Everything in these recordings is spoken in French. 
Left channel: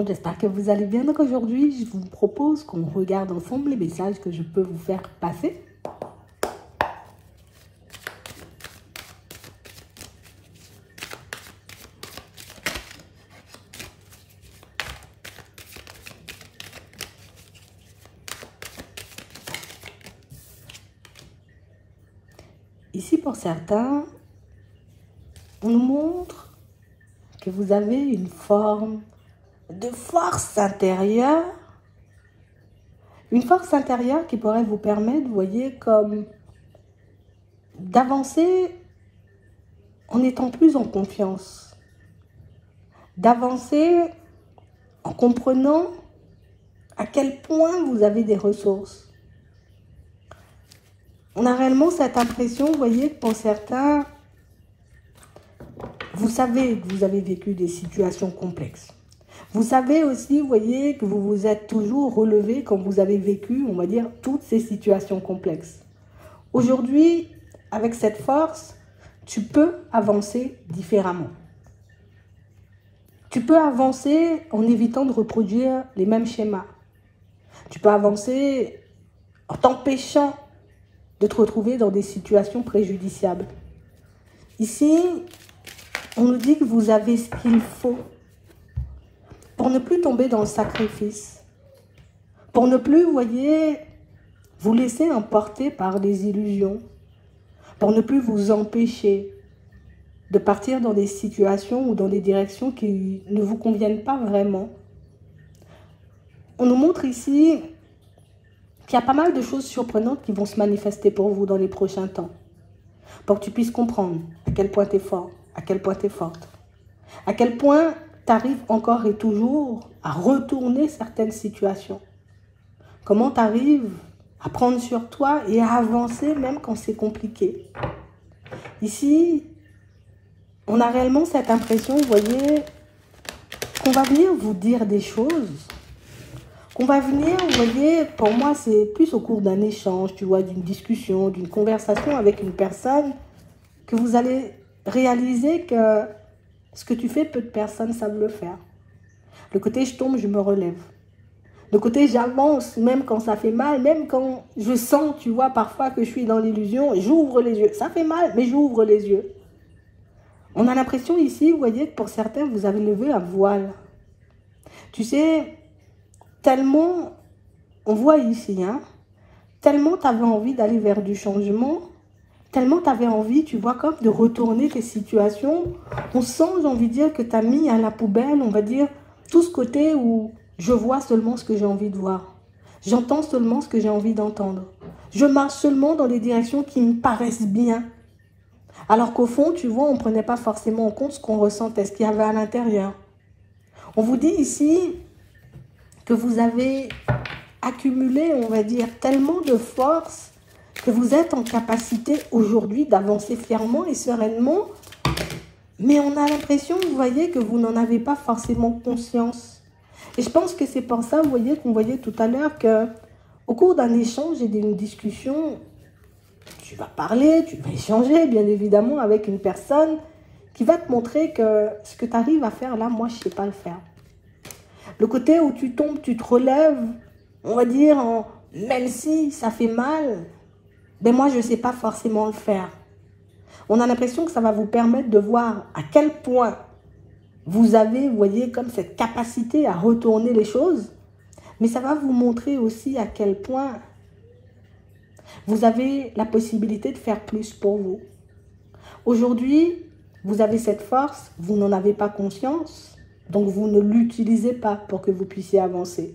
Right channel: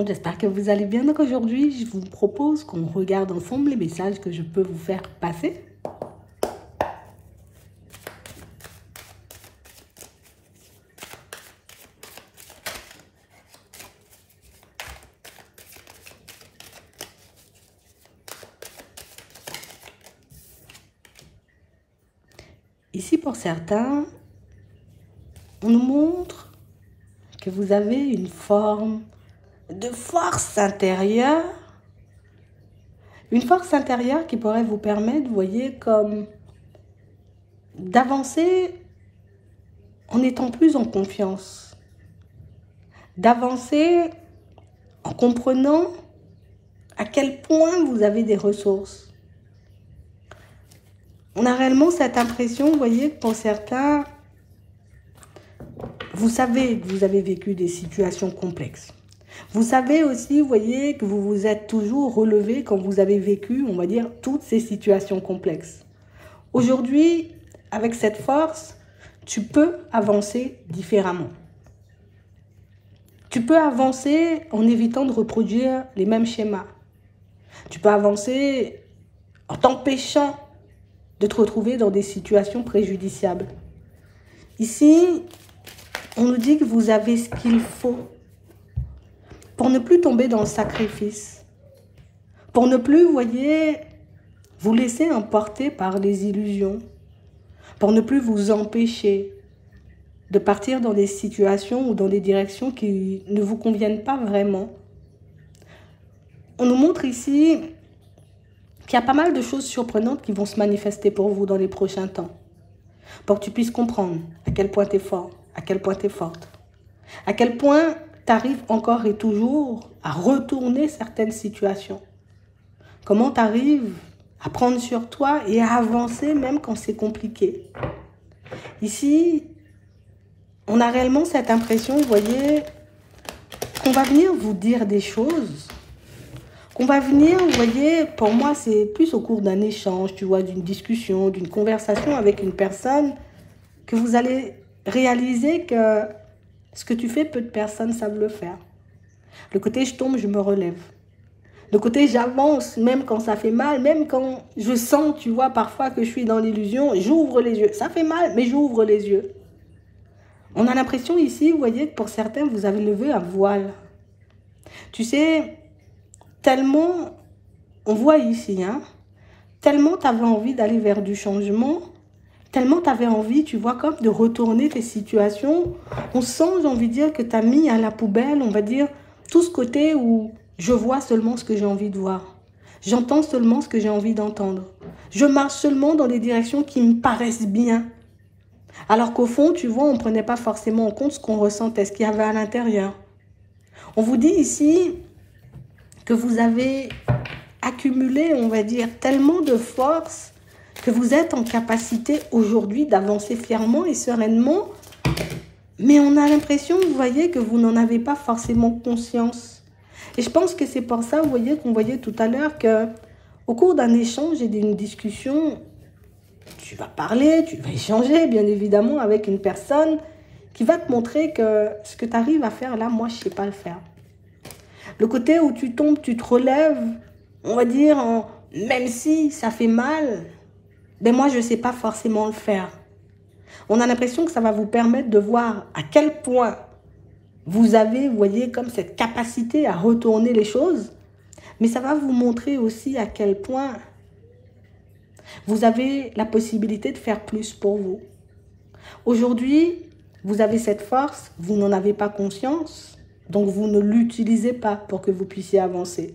monde, j'espère que vous allez bien. Donc aujourd'hui, je vous propose qu'on regarde ensemble les messages que je peux vous faire passer. Ici, pour certains, on nous montre que vous avez une forme de force intérieure. Une force intérieure qui pourrait vous permettre, vous voyez, comme d'avancer en étant plus en confiance. D'avancer en comprenant à quel point vous avez des ressources. On a réellement cette impression, vous voyez, que pour certains, vous savez que vous avez vécu des situations complexes. Vous savez aussi, vous voyez, que vous vous êtes toujours relevé quand vous avez vécu, on va dire, toutes ces situations complexes. Aujourd'hui, avec cette force, tu peux avancer différemment. Tu peux avancer en évitant de reproduire les mêmes schémas. Tu peux avancer en t'empêchant de te retrouver dans des situations préjudiciables. Ici, on nous dit que vous avez ce qu'il faut pour ne plus tomber dans le sacrifice, pour ne plus, vous voyez, vous laisser emporter par les illusions, pour ne plus vous empêcher de partir dans des situations ou dans des directions qui ne vous conviennent pas vraiment. On nous montre ici qu'il y a pas mal de choses surprenantes qui vont se manifester pour vous dans les prochains temps, pour que tu puisses comprendre à quel point tu es fort, à quel point tu es forte, à quel point tu arrives encore et toujours à retourner certaines situations. Comment tu arrives à prendre sur toi et à avancer même quand c'est compliqué. Ici, on a réellement cette impression, vous voyez, qu'on va venir vous dire des choses, qu'on va venir, vous voyez, pour moi, c'est plus au cours d'un échange, tu vois, d'une discussion, d'une conversation avec une personne, que vous allez réaliser que ce que tu fais, peu de personnes savent le faire. Le côté je tombe, je me relève. Le côté j'avance, même quand ça fait mal, même quand je sens, tu vois, parfois que je suis dans l'illusion, j'ouvre les yeux. Ça fait mal, mais j'ouvre les yeux. On a l'impression ici, vous voyez, que pour certains, vous avez levé un voile. Tu sais, tellement, on voit ici, hein, tellement tu avais envie d'aller vers du changement, tellement tu avais envie, tu vois, comme de retourner tes situations. On sent, j'ai envie de dire, que tu as mis à la poubelle, on va dire, tout ce côté où je vois seulement ce que j'ai envie de voir. J'entends seulement ce que j'ai envie d'entendre. Je marche seulement dans les directions qui me paraissent bien. Alors qu'au fond, tu vois, on ne prenait pas forcément en compte ce qu'on ressentait, ce qu'il y avait à l'intérieur. On vous dit ici que vous avez accumulé, on va dire, tellement de force que vous êtes en capacité aujourd'hui d'avancer fièrement et sereinement. Mais on a l'impression, vous voyez, que vous n'en avez pas forcément conscience. Et je pense que c'est pour ça, vous voyez, qu'on voyait tout à l'heure qu'au cours d'un échange et d'une discussion, tu vas parler, tu vas échanger, bien évidemment, avec une personne qui va te montrer que ce que tu arrives à faire là, moi, je ne sais pas le faire. Le côté où tu tombes, tu te relèves, on va dire, même si ça fait mal, mais moi, je ne sais pas forcément le faire. On a l'impression que ça va vous permettre de voir à quel point vous avez, vous voyez, comme cette capacité à retourner les choses, mais ça va vous montrer aussi à quel point vous avez la possibilité de faire plus pour vous. Aujourd'hui, vous avez cette force, vous n'en avez pas conscience, donc vous ne l'utilisez pas pour que vous puissiez avancer.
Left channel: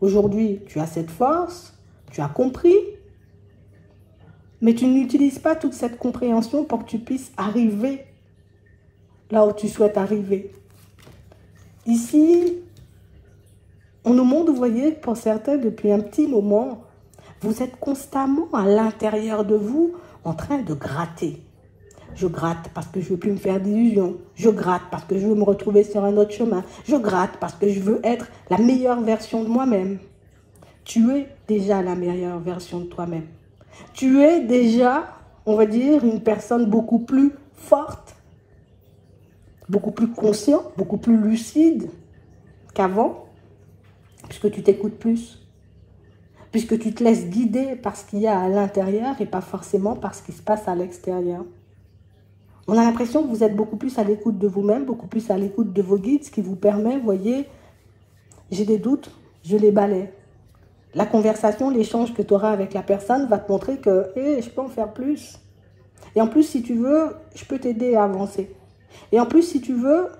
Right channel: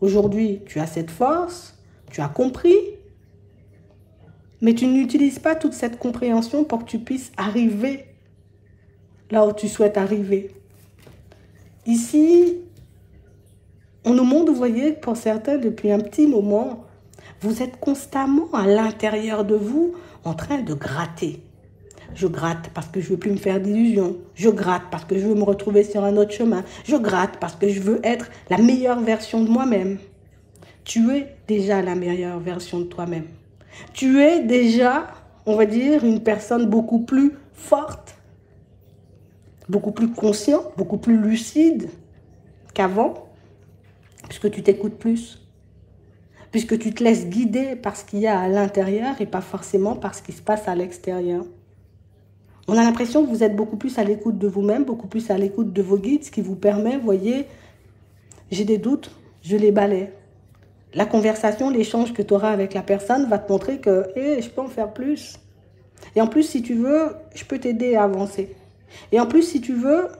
Aujourd'hui, tu as cette force, tu as compris, mais tu n'utilises pas toute cette compréhension pour que tu puisses arriver là où tu souhaites arriver. Ici, on nous montre, vous voyez, pour certains, depuis un petit moment, vous êtes constamment à l'intérieur de vous en train de gratter. Je gratte parce que je ne veux plus me faire d'illusions. Je gratte parce que je veux me retrouver sur un autre chemin. Je gratte parce que je veux être la meilleure version de moi-même. Tu es déjà la meilleure version de toi-même. Tu es déjà, on va dire, une personne beaucoup plus forte, beaucoup plus consciente, beaucoup plus lucide qu'avant. puisque tu t'écoutes plus, puisque tu te laisses guider par ce qu'il y a à l'intérieur et pas forcément par ce qui se passe à l'extérieur. On a l'impression que vous êtes beaucoup plus à l'écoute de vous-même, beaucoup plus à l'écoute de vos guides, ce qui vous permet, vous voyez, j'ai des doutes, je les balaie. La conversation, l'échange que tu auras avec la personne va te montrer que je peux en faire plus. Et en plus, si tu veux, je peux t'aider à avancer. Et en plus, si tu veux,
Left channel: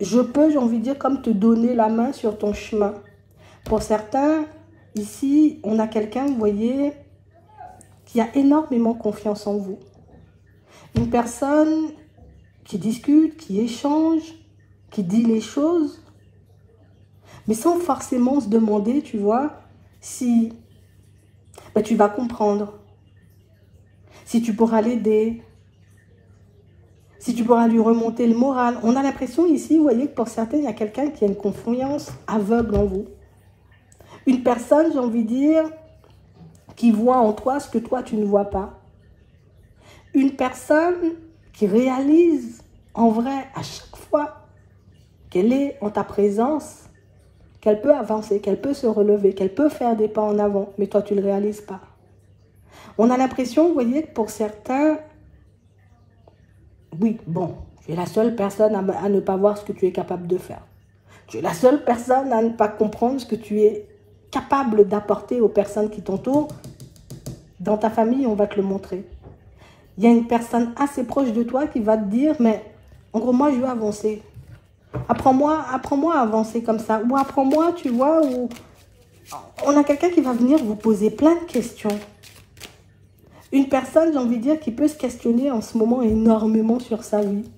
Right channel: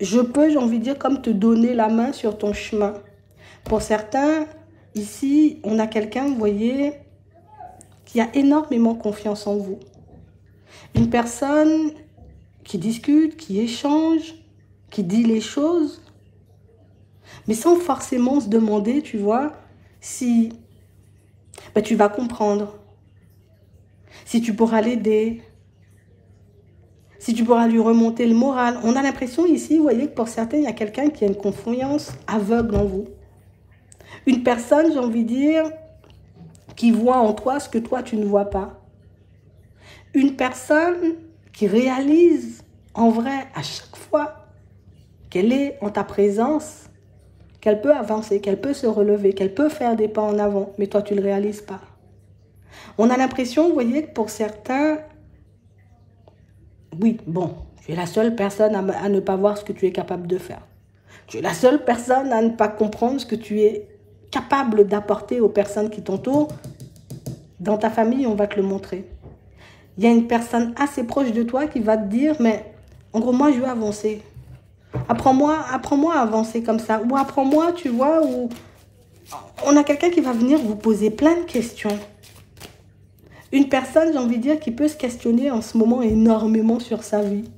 je peux, j'ai envie de dire, comme te donner la main sur ton chemin. Pour certains, ici, on a quelqu'un, vous voyez, qui a énormément confiance en vous. Une personne qui discute, qui échange, qui dit les choses, mais sans forcément se demander, tu vois, si tu vas comprendre, si tu pourras l'aider, si tu pourras lui remonter le moral. On a l'impression ici, vous voyez, que pour certains, il y a quelqu'un qui a une confiance aveugle en vous. Une personne, j'ai envie de dire, qui voit en toi ce que toi, tu ne vois pas. Une personne qui réalise en vrai à chaque fois qu'elle est en ta présence, qu'elle peut avancer, qu'elle peut se relever, qu'elle peut faire des pas en avant, mais toi tu ne le réalises pas. On a l'impression, vous voyez, que pour certains, oui, bon, tu es la seule personne à ne pas voir ce que tu es capable de faire. Tu es la seule personne à ne pas comprendre ce que tu es capable d'apporter aux personnes qui t'entourent. Dans ta famille, on va te le montrer. Il y a une personne assez proche de toi qui va te dire, mais en gros, moi, je veux avancer. Apprends-moi à avancer comme ça. Ou apprends-moi, tu vois, ou... On a quelqu'un qui va venir vous poser plein de questions. Une personne, j'ai envie de dire, qui peut se questionner en ce moment énormément sur sa vie.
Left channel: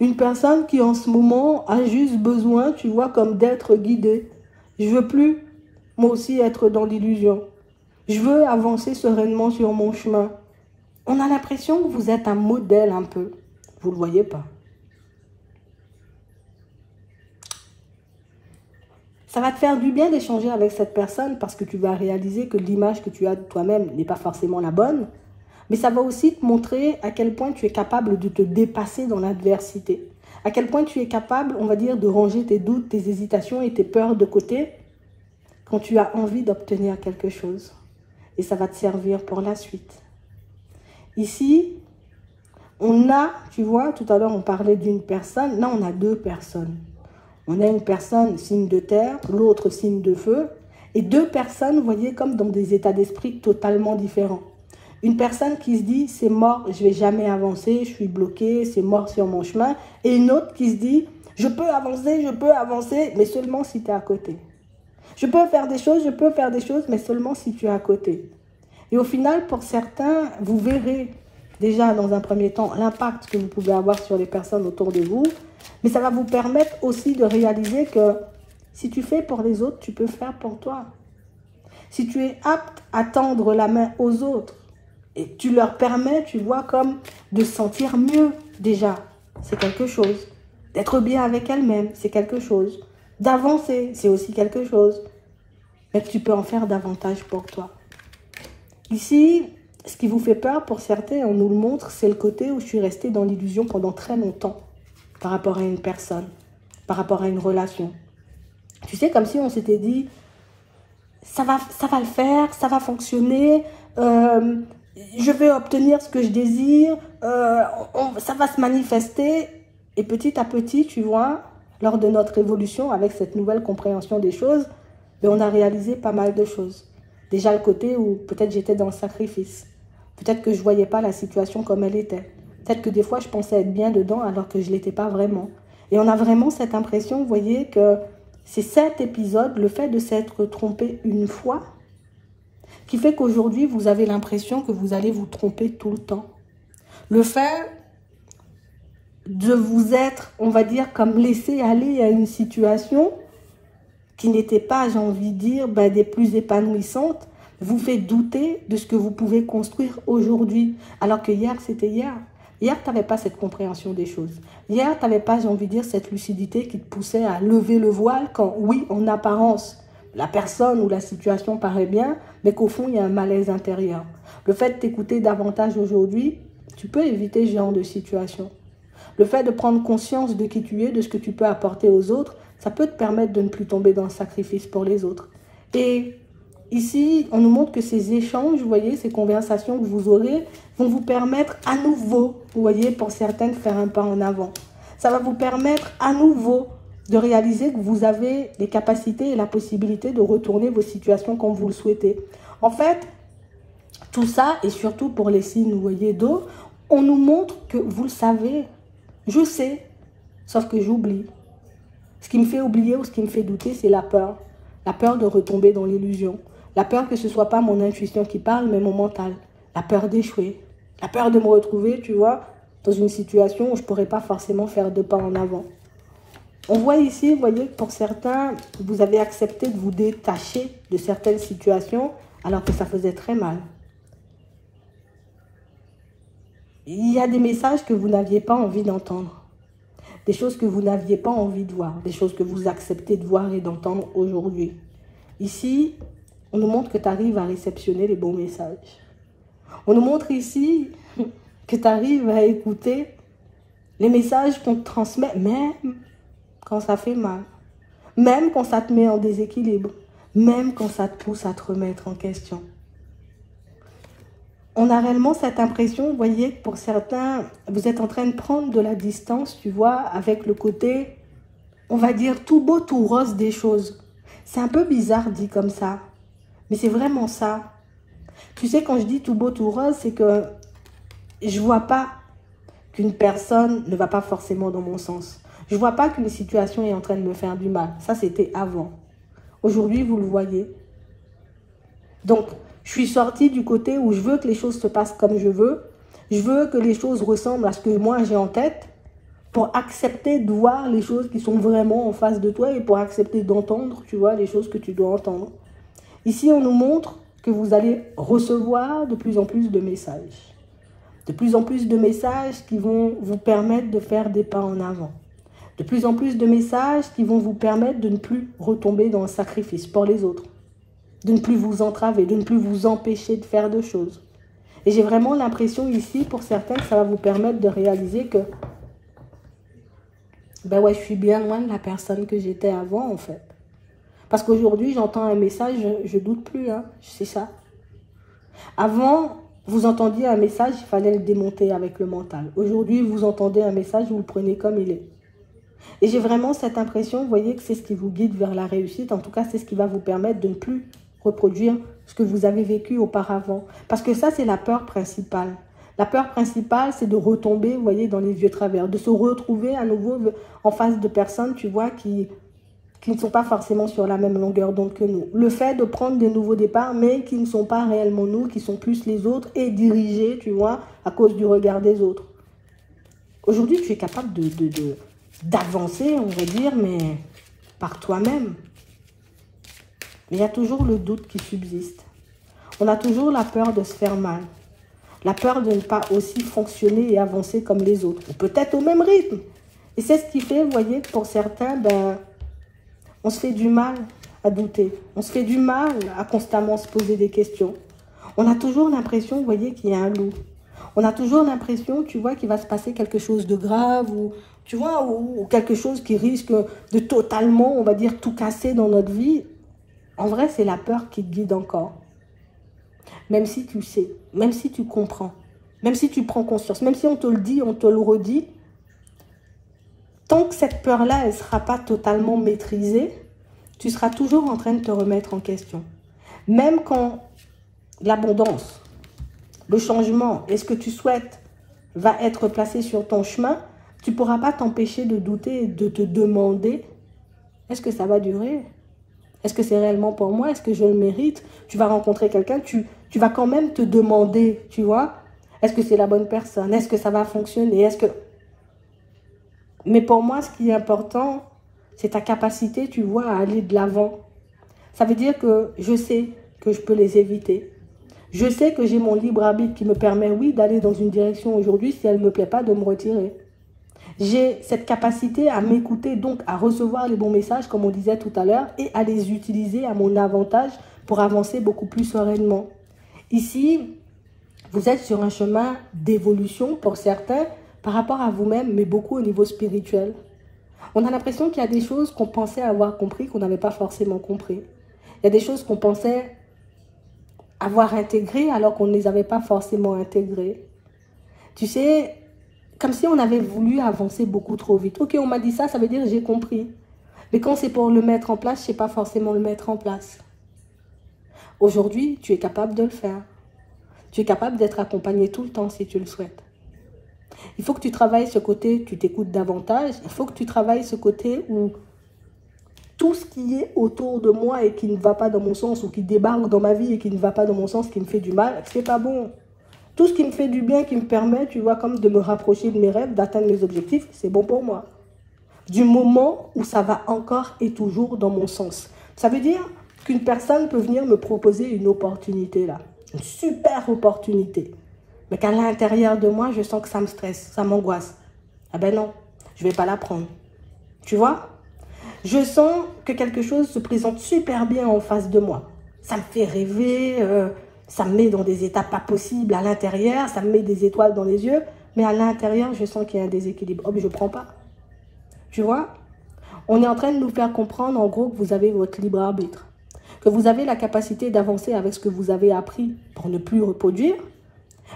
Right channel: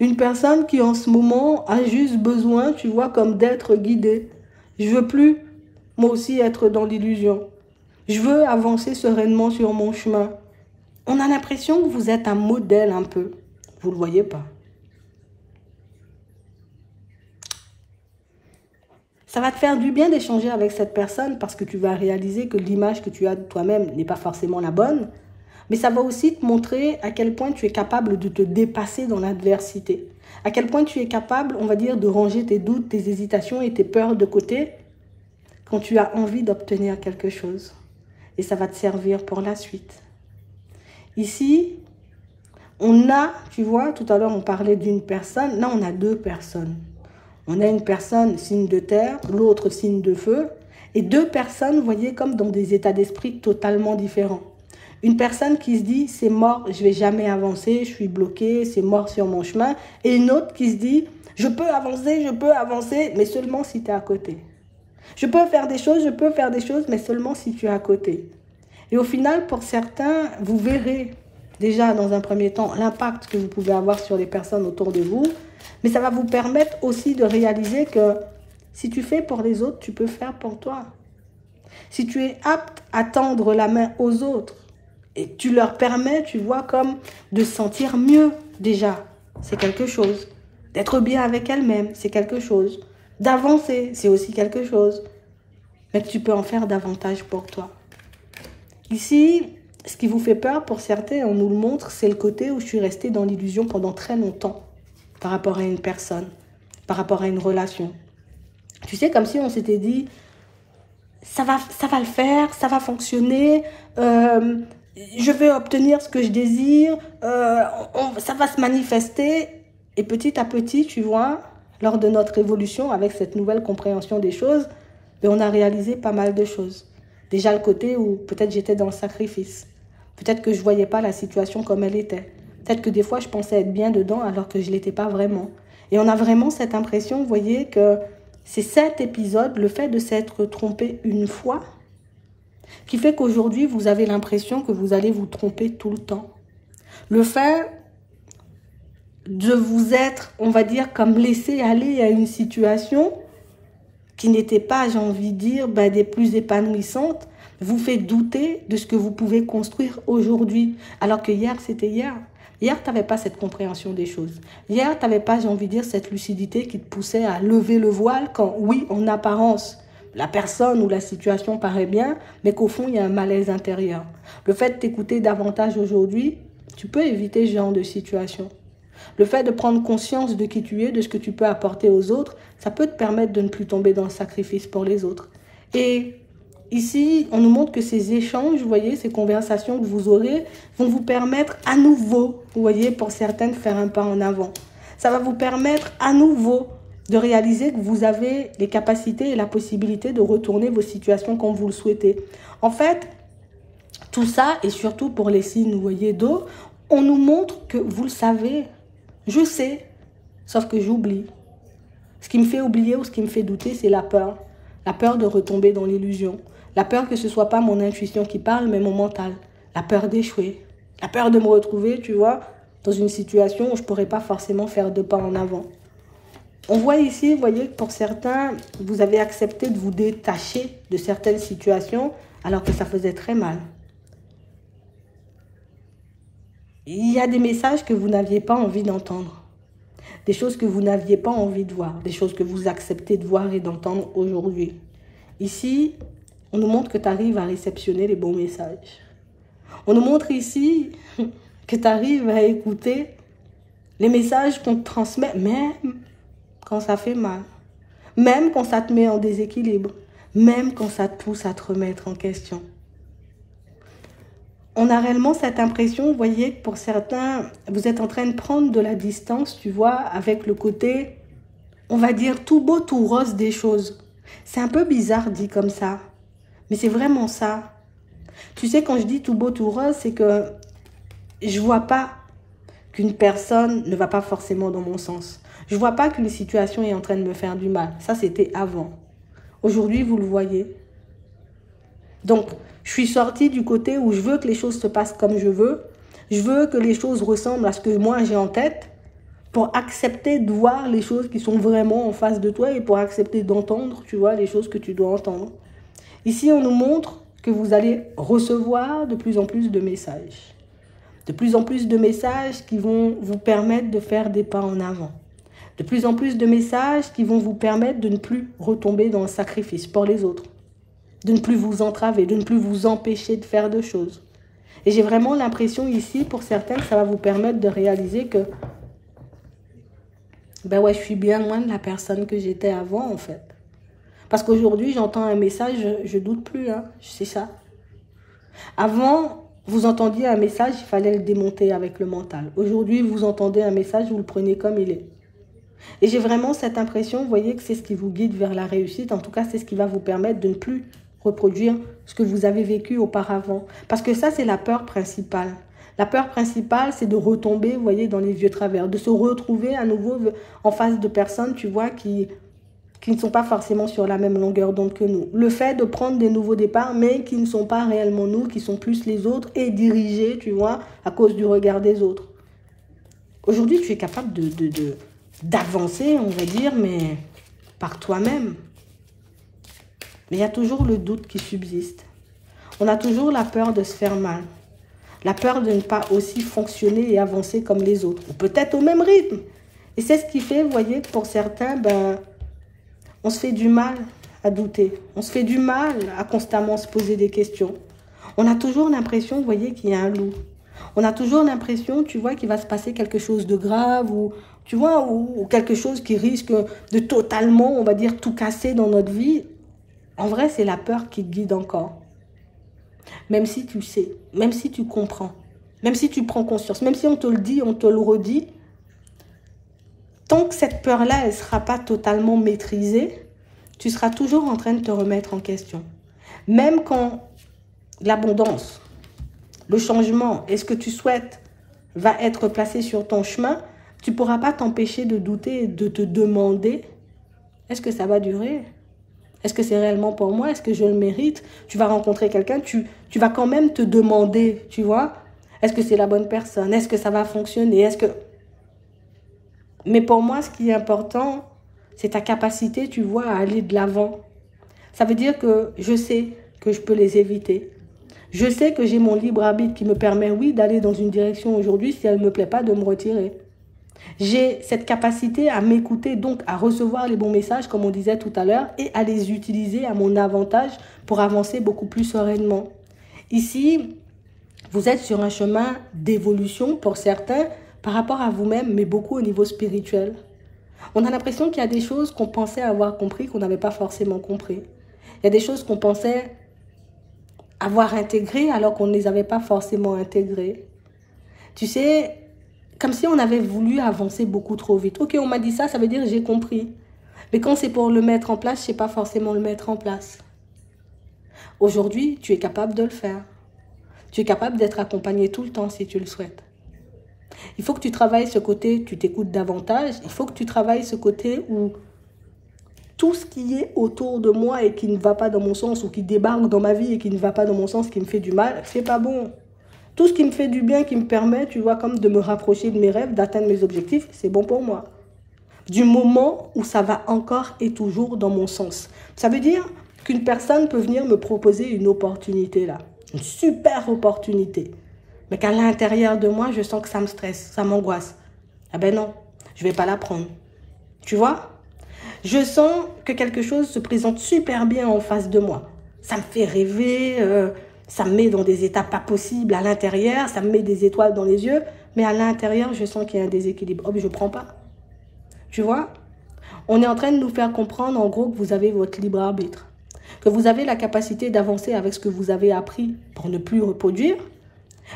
Une personne qui, en ce moment, a juste besoin, tu vois, comme d'être guidée. Je veux plus, moi aussi, être dans l'illusion. Je veux avancer sereinement sur mon chemin. On a l'impression que vous êtes un modèle un peu. Vous ne le voyez pas. Ça va te faire du bien d'échanger avec cette personne parce que tu vas réaliser que l'image que tu as de toi-même n'est pas forcément la bonne. Mais ça va aussi te montrer à quel point tu es capable de te dépasser dans l'adversité. À quel point tu es capable, on va dire, de ranger tes doutes, tes hésitations et tes peurs de côté quand tu as envie d'obtenir quelque chose. Et ça va te servir pour la suite. Ici, on a, tu vois, tout à l'heure on parlait d'une personne, là on a deux personnes. On a une personne signe de terre, l'autre signe de feu, et deux personnes, vous voyez, comme dans des états d'esprit totalement différents. Une personne qui se dit, c'est mort, je ne vais jamais avancer, je suis bloqué, c'est mort sur mon chemin, et une autre qui se dit, je peux avancer, mais seulement si tu es à côté. Je peux faire des choses, mais seulement si tu es à côté. Et au final, pour certains, vous verrez déjà dans un premier temps l'impact que vous pouvez avoir sur les personnes autour de vous. Mais ça va vous permettre aussi de réaliser que si tu fais pour les autres, tu peux faire pour toi. Si tu es apte à tendre la main aux autres et tu leur permets, tu vois, comme de sentir mieux déjà, c'est quelque chose. D'être bien avec elles-mêmes, c'est quelque chose. D'avancer, c'est aussi quelque chose. Mais tu peux en faire davantage pour toi. Ici, ce qui vous fait peur pour certains, on nous le montre, c'est le côté où je suis restée dans l'illusion pendant très longtemps par rapport à une personne, par rapport à une relation. Tu sais, comme si on s'était dit, ça va le faire, ça va fonctionner, je vais obtenir ce que je désire, ça va se manifester. Et petit à petit, tu vois, lors de notre évolution, avec cette nouvelle compréhension des choses, ben, on a réalisé pas mal de choses. Déjà le côté où peut-être j'étais dans le sacrifice. Peut-être que je ne voyais pas la situation comme elle était. Peut-être que des fois, je pensais être bien dedans alors que je ne l'étais pas vraiment. Et on a vraiment cette impression, vous voyez, que c'est cet épisode, le fait de s'être trompé une fois, qui fait qu'aujourd'hui, vous avez l'impression que vous allez vous tromper tout le temps. Le fait de vous être, on va dire, comme laissé aller à une situation qui n'était pas, j'ai envie de dire, des plus épanouissantes, vous fait douter de ce que vous pouvez construire aujourd'hui. Alors que hier, c'était hier. Hier, tu n'avais pas cette compréhension des choses. Hier, tu n'avais pas, j'ai envie de dire, cette lucidité qui te poussait à lever le voile quand, oui, en apparence, la personne ou la situation paraît bien, mais qu'au fond, il y a un malaise intérieur. Le fait de t'écouter davantage aujourd'hui, tu peux éviter ce genre de situation. Le fait de prendre conscience de qui tu es, de ce que tu peux apporter aux autres, ça peut te permettre de ne plus tomber dans le sacrifice pour les autres. Et ici, on nous montre que ces échanges, vous voyez, ces conversations que vous aurez, vont vous permettre à nouveau, vous voyez, pour certains, de faire un pas en avant. Ça va vous permettre à nouveau de réaliser que vous avez les capacités et la possibilité de retourner vos situations quand vous le souhaitez. En fait, tout ça, et surtout pour les signes, vous voyez, d'eau, on nous montre que vous le savez. Je sais, sauf que j'oublie. Ce qui me fait oublier ou ce qui me fait douter, c'est la peur. La peur de retomber dans l'illusion. La peur que ce ne soit pas mon intuition qui parle, mais mon mental. La peur d'échouer. La peur de me retrouver, tu vois, dans une situation où je ne pourrais pas forcément faire 2 pas en avant. On voit ici, vous voyez, que pour certains, vous avez accepté de vous détacher de certaines situations alors que ça faisait très mal. Il y a des messages que vous n'aviez pas envie d'entendre. Des choses que vous n'aviez pas envie de voir. Des choses que vous acceptez de voir et d'entendre aujourd'hui. Ici, on nous montre que tu arrives à réceptionner les bons messages. On nous montre ici que tu arrives à écouter les messages qu'on te transmet, même quand ça fait mal. Même quand ça te met en déséquilibre. Même quand ça te pousse à te remettre en question. On a réellement cette impression, vous voyez, que pour certains, vous êtes en train de prendre de la distance, tu vois, avec le côté, on va dire, tout beau, tout rose des choses. C'est un peu bizarre dit comme ça, mais c'est vraiment ça. Tu sais, quand je dis tout beau, tout rose, c'est que je ne vois pas qu'une personne ne va pas forcément dans mon sens. Je ne vois pas qu'une situation est en train de me faire du mal. Ça, c'était avant. Aujourd'hui, vous le voyez. Donc, je suis sortie du côté où je veux que les choses se passent comme je veux. Je veux que les choses ressemblent à ce que moi j'ai en tête pour accepter de voir les choses qui sont vraiment en face de toi et pour accepter d'entendre, tu vois, les choses que tu dois entendre. Ici, on nous montre que vous allez recevoir de plus en plus de messages. De plus en plus de messages qui vont vous permettre de faire des pas en avant. De plus en plus de messages qui vont vous permettre de ne plus retomber dans le sacrifice pour les autres. De ne plus vous entraver, de ne plus vous empêcher de faire de choses. Et j'ai vraiment l'impression ici, pour certains, que ça va vous permettre de réaliser que ben ouais, je suis bien loin de la personne que j'étais avant, en fait. Parce qu'aujourd'hui, j'entends un message, je doute plus, hein, c'est ça. Avant, vous entendiez un message, il fallait le démonter avec le mental. Aujourd'hui, vous entendez un message, vous le prenez comme il est. Et j'ai vraiment cette impression, vous voyez, que c'est ce qui vous guide vers la réussite. En tout cas, c'est ce qui va vous permettre de ne plus reproduire ce que vous avez vécu auparavant. Parce que ça, c'est la peur principale. La peur principale, c'est de retomber, vous voyez, dans les vieux travers, de se retrouver à nouveau en face de personnes, tu vois, qui ne sont pas forcément sur la même longueur d'onde que nous. Le fait de prendre des nouveaux départs, mais qui ne sont pas réellement nous, qui sont plus les autres, et dirigés, tu vois, à cause du regard des autres. Aujourd'hui, tu es capable d'avancer, on va dire, mais par toi-même. Mais il y a toujours le doute qui subsiste. On a toujours la peur de se faire mal. La peur de ne pas aussi fonctionner et avancer comme les autres. Peut-être au même rythme. Et c'est ce qui fait, vous voyez, que pour certains, ben, on se fait du mal à douter. On se fait du mal à constamment se poser des questions. On a toujours l'impression, vous voyez, qu'il y a un loup. On a toujours l'impression, tu vois, qu'il va se passer quelque chose de grave ou, tu vois, ou quelque chose qui risque de totalement, on va dire, tout casser dans notre vie. En vrai, c'est la peur qui te guide encore. Même si tu sais, même si tu comprends, même si tu prends conscience, même si on te le dit, on te le redit, tant que cette peur-là, elle ne sera pas totalement maîtrisée, tu seras toujours en train de te remettre en question. Même quand l'abondance, le changement et ce que tu souhaites va être placé sur ton chemin, tu ne pourras pas t'empêcher de douter et de te demander, est-ce que ça va durer ? Est-ce que c'est réellement pour moi? Est-ce que je le mérite? Tu vas rencontrer quelqu'un, tu vas quand même te demander, tu vois, est-ce que c'est la bonne personne? Est-ce que ça va fonctionner? Mais pour moi, ce qui est important, c'est ta capacité, tu vois, à aller de l'avant. Ça veut dire que je sais que je peux les éviter. Je sais que j'ai mon libre arbitre qui me permet, oui, d'aller dans une direction aujourd'hui, si elle ne me plaît pas, de me retirer. J'ai cette capacité à m'écouter, donc à recevoir les bons messages, comme on disait tout à l'heure, et à les utiliser à mon avantage pour avancer beaucoup plus sereinement. Ici, vous êtes sur un chemin d'évolution pour certains, par rapport à vous-même, mais beaucoup au niveau spirituel. On a l'impression qu'il y a des choses qu'on pensait avoir compris, qu'on n'avait pas forcément compris. Il y a des choses qu'on pensait avoir intégrées, alors qu'on ne les avait pas forcément intégrées. Tu sais, comme si on avait voulu avancer beaucoup trop vite. Ok, on m'a dit ça, ça veut dire que j'ai compris. Mais quand c'est pour le mettre en place, je ne sais pas forcément le mettre en place. Aujourd'hui, tu es capable de le faire. Tu es capable d'être accompagné tout le temps si tu le souhaites. Il faut que tu travailles ce côté, tu t'écoutes davantage. Il faut que tu travailles ce côté où tout ce qui est autour de moi et qui ne va pas dans mon sens, ou qui débarque dans ma vie et qui ne va pas dans mon sens, qui me fait du mal, c'est pas bon. Tout ce qui me fait du bien, qui me permet, tu vois, comme de me rapprocher de mes rêves, d'atteindre mes objectifs, c'est bon pour moi. Du moment où ça va encore et toujours dans mon sens. Ça veut dire qu'une personne peut venir me proposer une opportunité là. Une super opportunité. Mais qu'à l'intérieur de moi, je sens que ça me stresse, ça m'angoisse. Ah ben non, je ne vais pas la prendre. Tu vois? Je sens que quelque chose se présente super bien en face de moi. Ça me fait rêver, ça me met dans des états pas possibles à l'intérieur, ça me met des étoiles dans les yeux, mais à l'intérieur, je sens qu'il y a un déséquilibre. Oh, mais je ne prends pas. Tu vois? On est en train de nous faire comprendre, en gros, que vous avez votre libre arbitre. Que vous avez la capacité d'avancer avec ce que vous avez appris pour ne plus reproduire,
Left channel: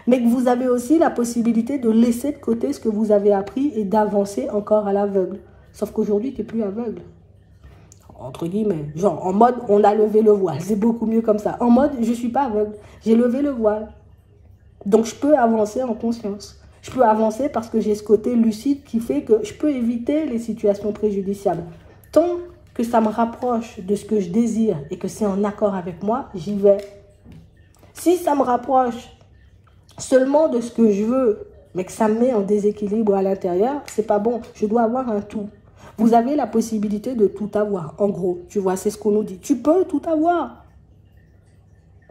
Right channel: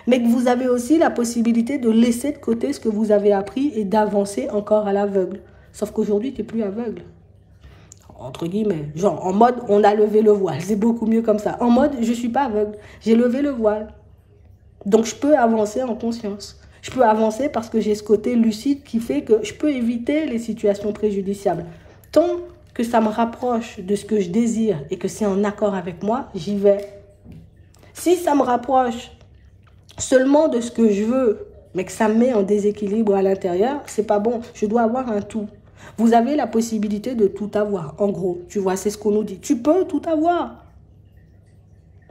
mais que vous avez aussi la possibilité de laisser de côté ce que vous avez appris et d'avancer encore à l'aveugle. Sauf qu'aujourd'hui, tu n'es plus aveugle. Entre guillemets, genre en mode on a levé le voile, c'est beaucoup mieux comme ça. En mode je ne suis pas aveugle, j'ai levé le voile. Donc je peux avancer en conscience. Je peux avancer parce que j'ai ce côté lucide qui fait que je peux éviter les situations préjudiciables. Tant que ça me rapproche de ce que je désire et que c'est en accord avec moi, j'y vais. Si ça me rapproche seulement de ce que je veux, mais que ça me met en déséquilibre à l'intérieur, c'est pas bon. Je dois avoir un tout. Vous avez la possibilité de tout avoir, en gros. Tu vois, c'est ce qu'on nous dit. Tu peux tout avoir.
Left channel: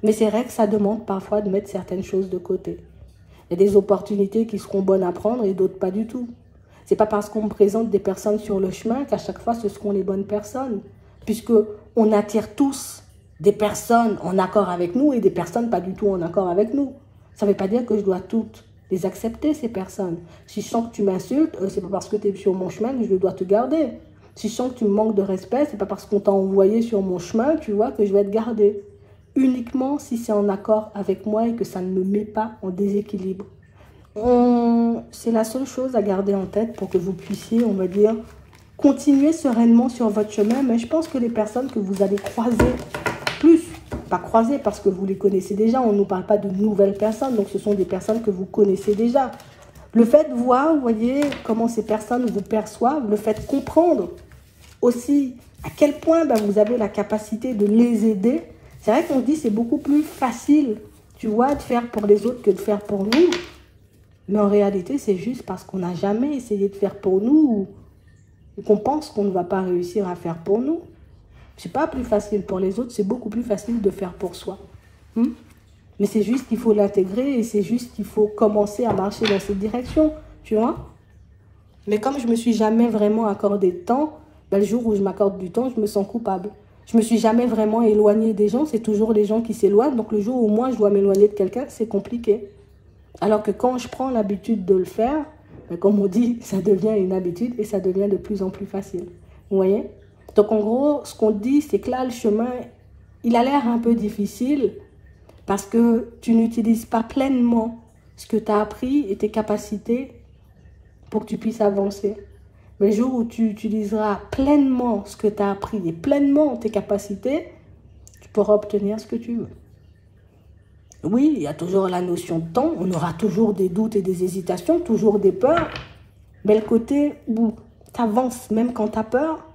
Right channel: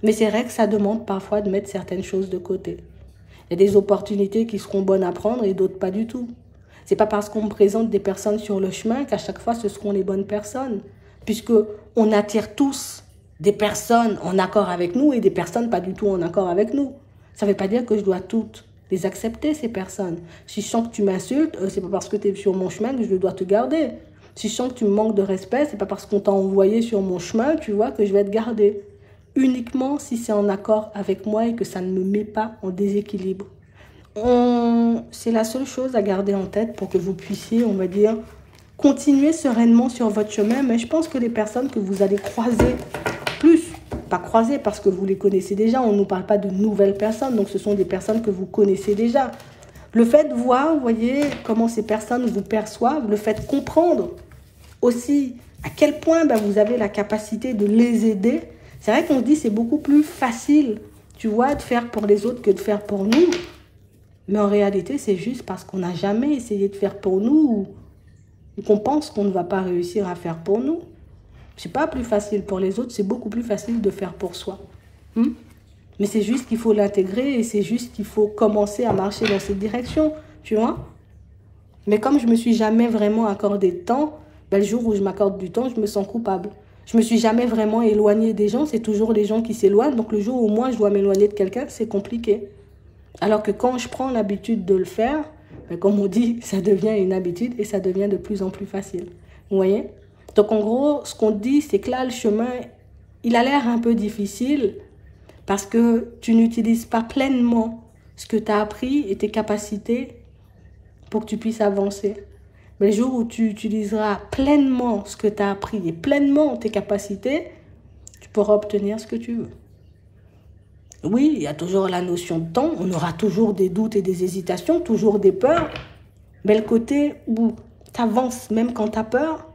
Mais c'est vrai que ça demande parfois de mettre certaines choses de côté. Il y a des opportunités qui seront bonnes à prendre et d'autres pas du tout. C'est pas parce qu'on présente des personnes sur le chemin qu'à chaque fois ce seront les bonnes personnes. Puisque on attire tous des personnes en accord avec nous et des personnes pas du tout en accord avec nous. Ça ne veut pas dire que je dois toutes les accepter, ces personnes. Si je sens que tu m'insultes, c'est pas parce que tu es sur mon chemin que je dois te garder. Si je sens que tu me manques de respect, c'est pas parce qu'on t'a envoyé sur mon chemin, tu vois, que je vais te garder. Uniquement si c'est en accord avec moi et que ça ne me met pas en déséquilibre. C'est la seule chose à garder en tête pour que vous puissiez, on va dire, continuer sereinement sur votre chemin. Mais je pense que les personnes que vous allez croiser plus, pas croiser parce que vous les connaissez déjà, on ne nous parle pas de nouvelles personnes, donc ce sont des personnes que vous connaissez déjà. Le fait de voir, vous voyez, comment ces personnes vous perçoivent, le fait de comprendre aussi à quel point vous avez la capacité de les aider. C'est vrai qu'on dit que c'est beaucoup plus facile, tu vois, de faire pour les autres que de faire pour nous. Mais en réalité, c'est juste parce qu'on n'a jamais essayé de faire pour nous ou qu'on pense qu'on ne va pas réussir à faire pour nous. C'est pas plus facile pour les autres, c'est beaucoup plus facile de faire pour soi. Mais c'est juste qu'il faut l'intégrer et c'est juste qu'il faut commencer à marcher dans cette direction, tu vois. Mais comme je ne me suis jamais vraiment accordé de temps, le jour où je m'accorde du temps, je me sens coupable. Je ne me suis jamais vraiment éloignée des gens, c'est toujours les gens qui s'éloignent. Donc le jour où moi je dois m'éloigner de quelqu'un, c'est compliqué. Alors que quand je prends l'habitude de le faire, comme on dit, ça devient une habitude et ça devient de plus en plus facile. Vous voyez? Donc en gros, ce qu'on dit, c'est que là, le chemin, il a l'air un peu difficile parce que tu n'utilises pas pleinement ce que tu as appris et tes capacités pour que tu puisses avancer. Mais le jour où tu utiliseras pleinement ce que tu as appris et pleinement tes capacités, tu pourras obtenir ce que tu veux. Oui, il y a toujours la notion de temps, on aura toujours des doutes et des hésitations, toujours des peurs. Mais le côté où tu avances même quand tu as peur,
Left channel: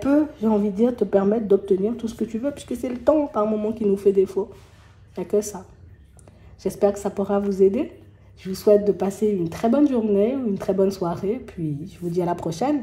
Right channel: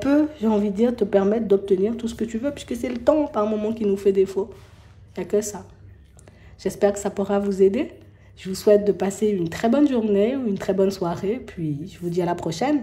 peut, j'ai envie de dire, te permettre d'obtenir tout ce que tu veux, puisque c'est le temps par moment qui nous fait défaut. Il n'y a que ça. J'espère que ça pourra vous aider. Je vous souhaite de passer une très bonne journée ou une très bonne soirée, puis je vous dis à la prochaine.